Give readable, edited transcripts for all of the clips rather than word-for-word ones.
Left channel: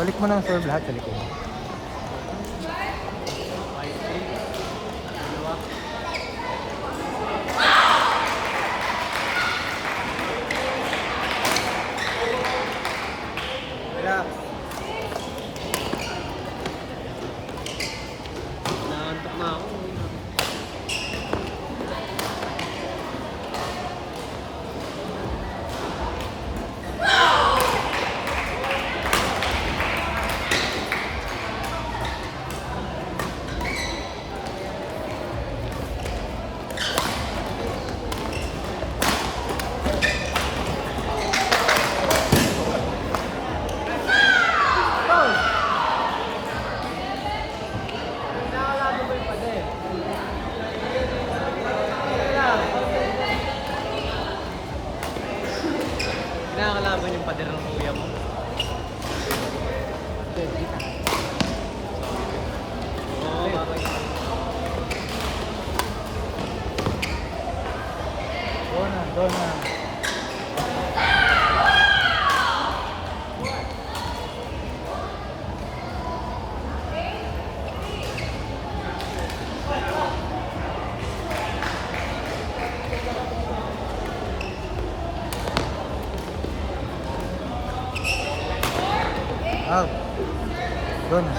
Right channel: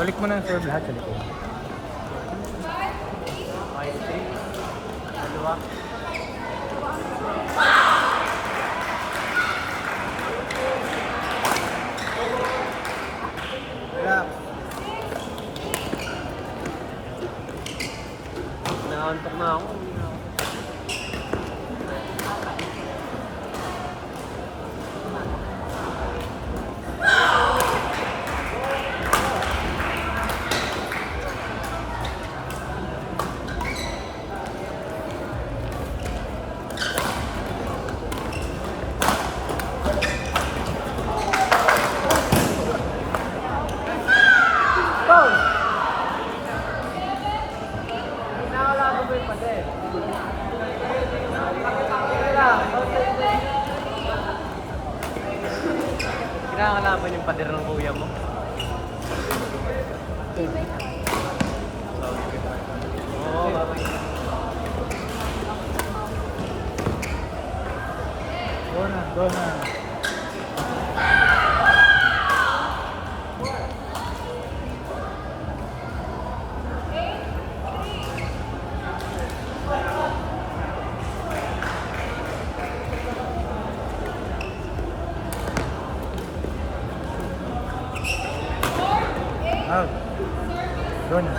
Balik mo na ang serve lahat sa likod. Naantok na ako. Kailangan naman yung pader ng kuya mo. Go na. Out. Go na.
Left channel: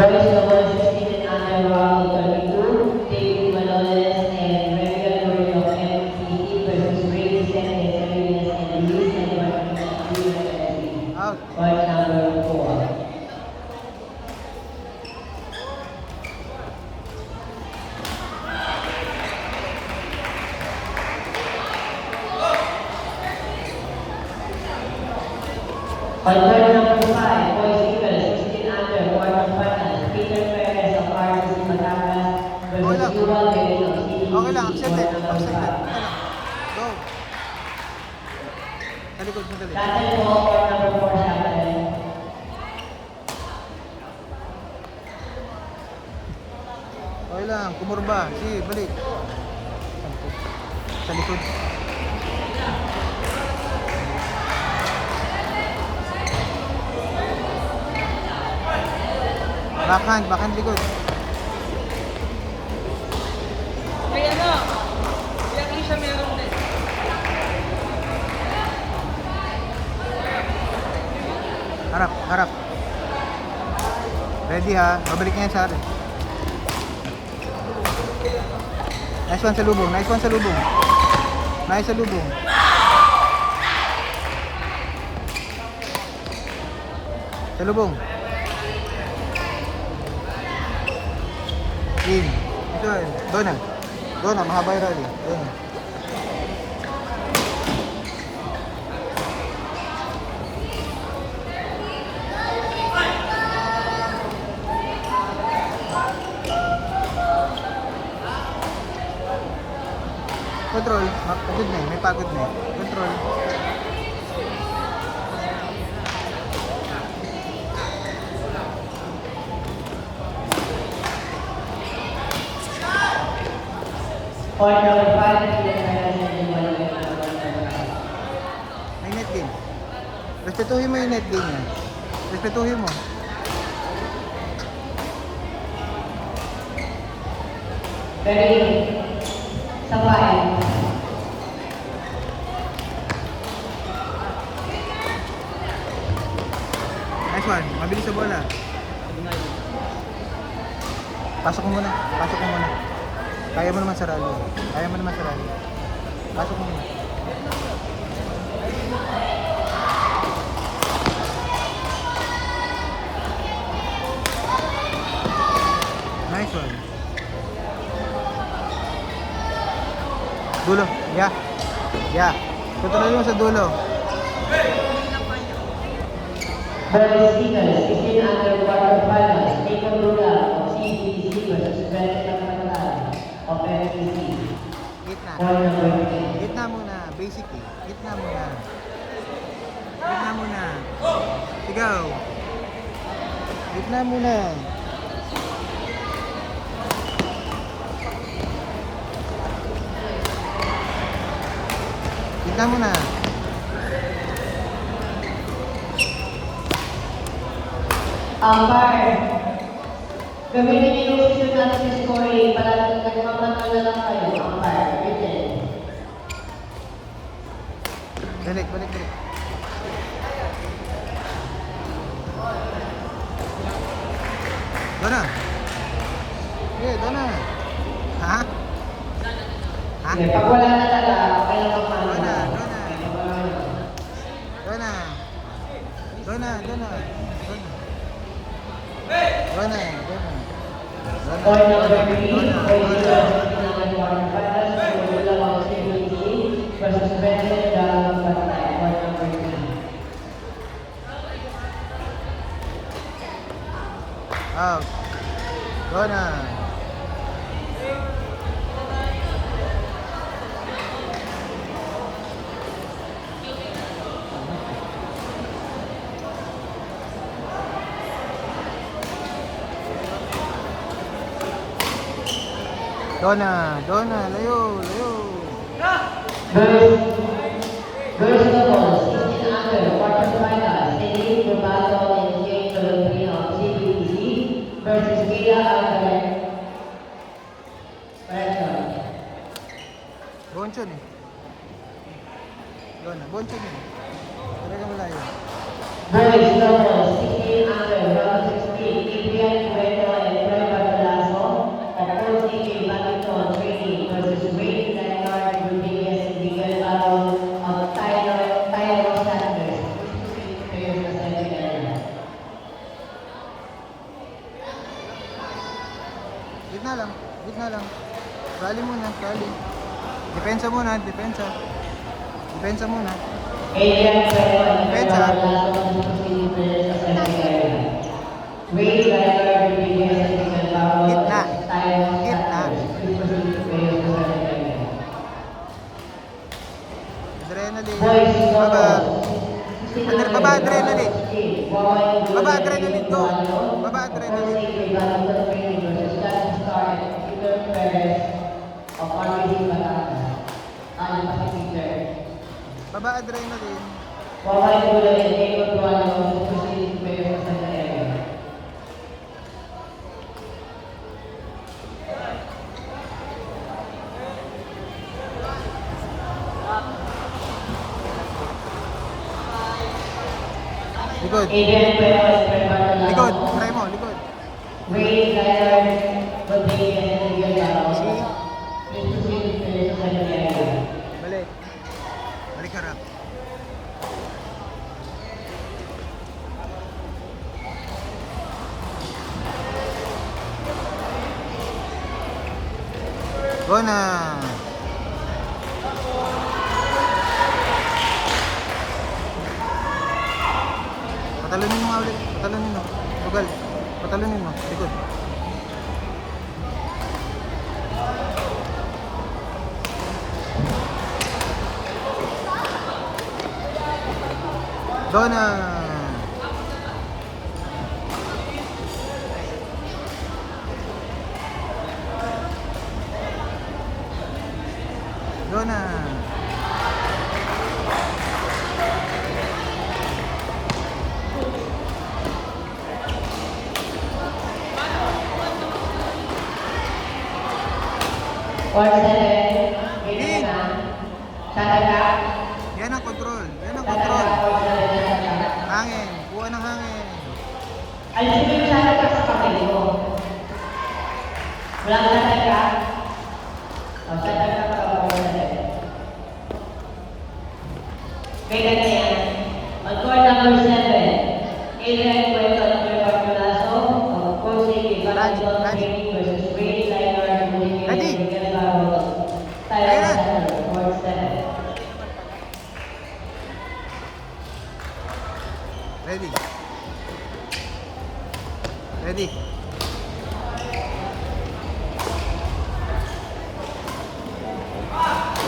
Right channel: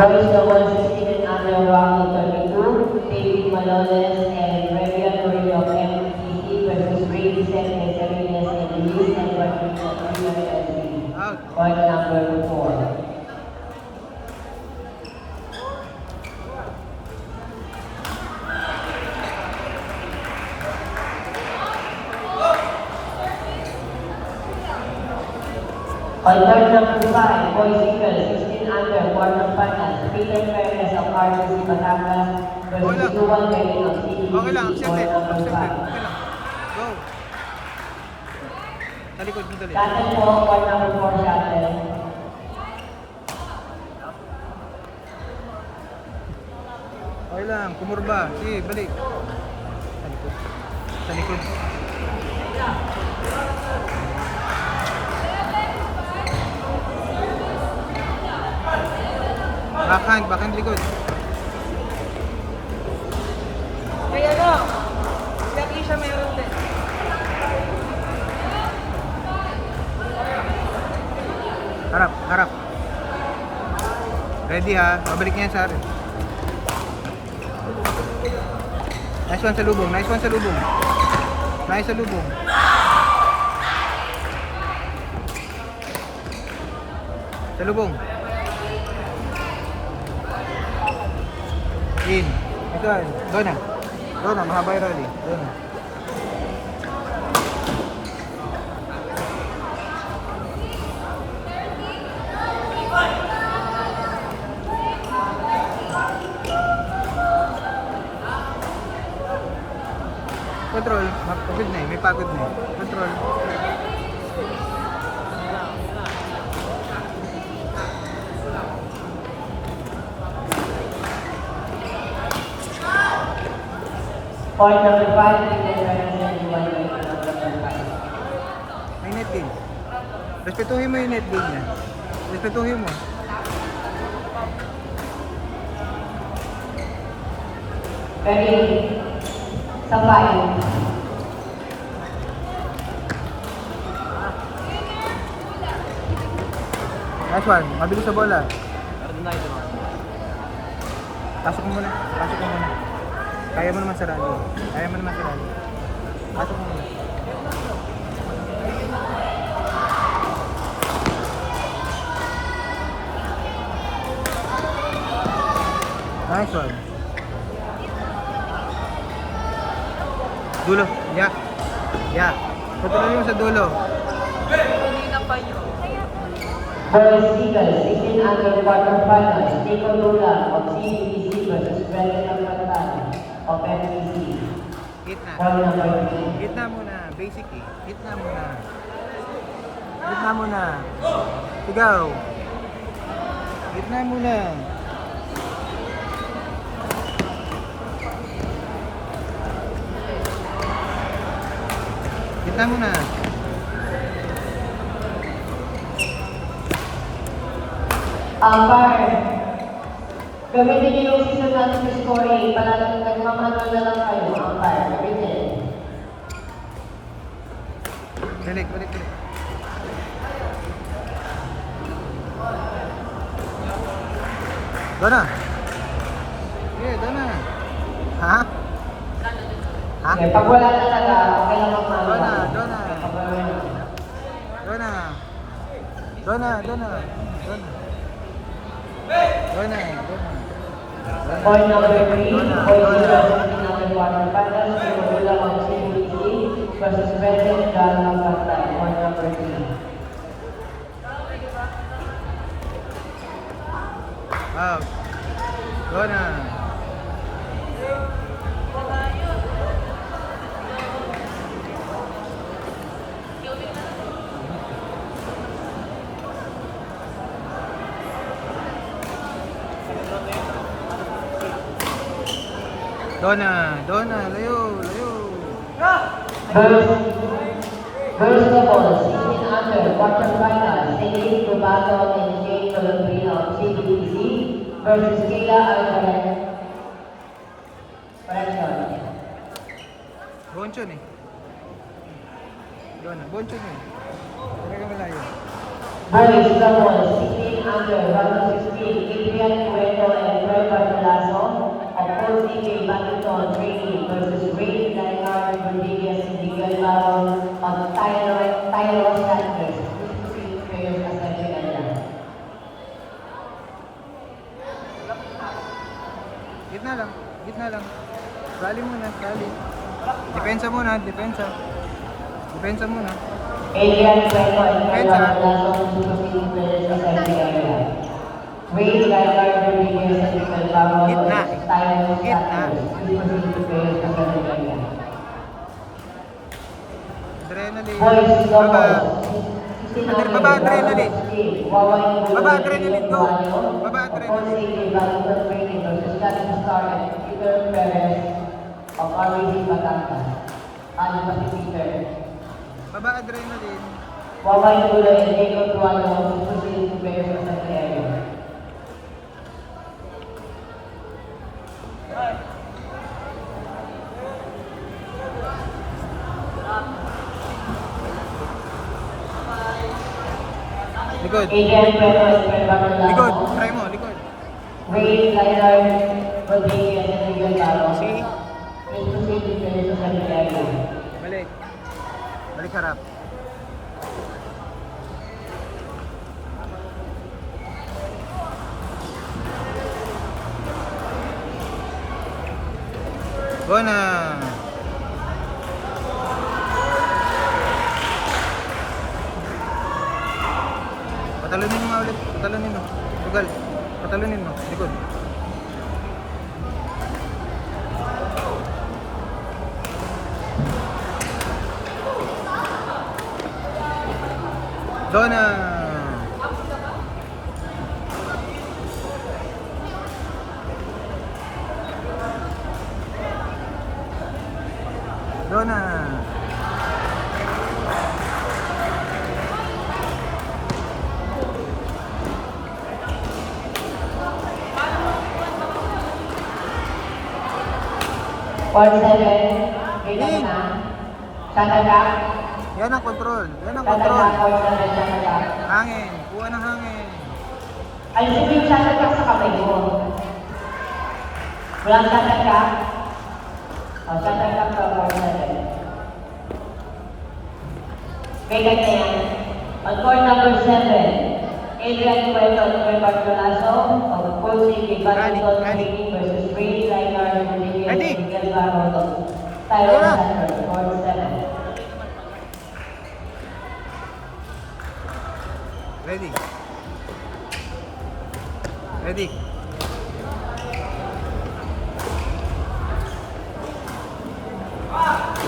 Boys the 116 and under round 32, David Manoles and regulatory of MTC versus Brady Senate Services and Luis Martinez of USSC. Out. Point number 4. On point number 5, Boys Eagles, 16 under, quarterfinals, Peter Perez of RCC Batangas Okay versus lang. Duval Gary of CDC. Okay lang, accepted. Point number Accepted. 5. Okay lang. Go. Sa likod mo dali. Shuttle po, point number 4, shuttle. Okay lang, kumurba. Sige, balik. Sa likod. Backhand likod. Harap. Ready ha, pabalik niya sa akin. Nice one sa lubong. Nice sa lubong. Sa lubong. In. Ito, doon na, mahaba yung rally. Doon na. Control. Pagod na eh. May pagod na eh. Control. Point number 5, Peter Perez and Duval Gary of USSC. May net gain. Respetuhin mo yung net gain niya. Respetuhin mo. Ready? Sabayan. Nice one. Mabilis sa bola. Pasok mo muna. Kaya mo naman sa rally. Pasok mo muna. Nice one. Dulo. Yeah. Tutuloy yung sa dulo. Boys Eagles, 16 under, quarterfinals, Nico Lula of CDC versus Brendan Alcantara of MTC. Gitna. Point number 3. Gitna muna. Basically. Gitna muna. Sigaw. Gitna muna. Gitna muna. Par, gamitin niyo yung system natin sa scoring para nagmamanol na lang kayo. Par, written. Balik. Doon na. Sige, doon na. Ha? Ha? Sige, pag wala na talaga, okay lang magmamahal. Doon na. Point number 3, Doon na. quarterfinals for Bulacan CBC versus Vincent Dalma Patay. Point number 3. Out. Doon na. Doon na, layo. First of all, 16 under quarterfinals, St. Robato and Jake Filipino of CBC versus Kia Alvarez. Bonchon eh. Doon na, Bonchon eh. Talaga malayo. Boys doubles, 16 under, round 16, Adrian Cueto and Troy Bartolaso of Coach DK Badminton Training versus Ray Leonard Rodriguez and Miguel Baron of Tyro Sanders. Players na semifinal. Gitna lang. Rally muna. Depensa muna. Adrian Cueto and Troy Pensa. Bartolaso of players na semifinal. Ray Leonard Rodriguez and Miguel Baron Gitna. of Tyro Sanders. Players na semifinal. Adrenaline. Boys Baba. doubles. Baba adrenaline. Baba adrenaline, go. Baba adrenaline. Baba adrenaline. Likod. Likod. Try mo, likod. Ray Leonard Rodriguez and Miguel Baron. See? Exclusive players sa area. Balik harap. Go na. Patalunin mo nga ulit. Patalunin mo. Tugal. Patalunin mo. Likod. Dona. Dona. Point 7. Ganyan na. Tataga. Yan ang control. Yan ang Tataga. control. Point 7. Tataga. Hangin. Kuha ng hangin. Alisin mo yung tataga sa kamay mo. Walang tataga. O, tataga ka. Point 7. Ganyan na yan. On court number 7. Adrian Cueto and Troy Bartolaso of Coach Badminton Training versus Ray Leonard Rodriguez Ready. and Miguel Baron. Tyler Ready. Center, court 7. Ready. Ready.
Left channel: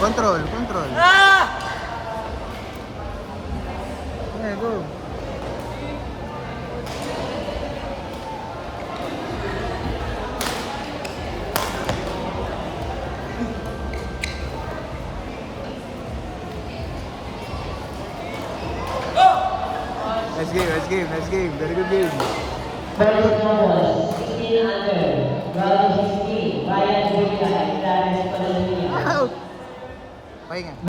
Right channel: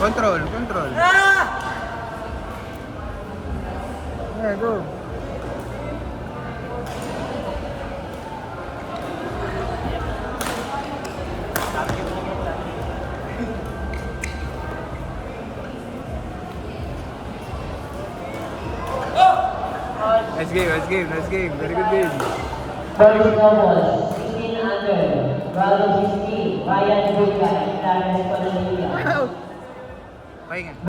Control, control. Yeah, go. Nice game, nice game, nice game. Very good game. Boys doubles, 16 under, Bravo 16, Ryan Buria and Clarence Panalia. Pahinga.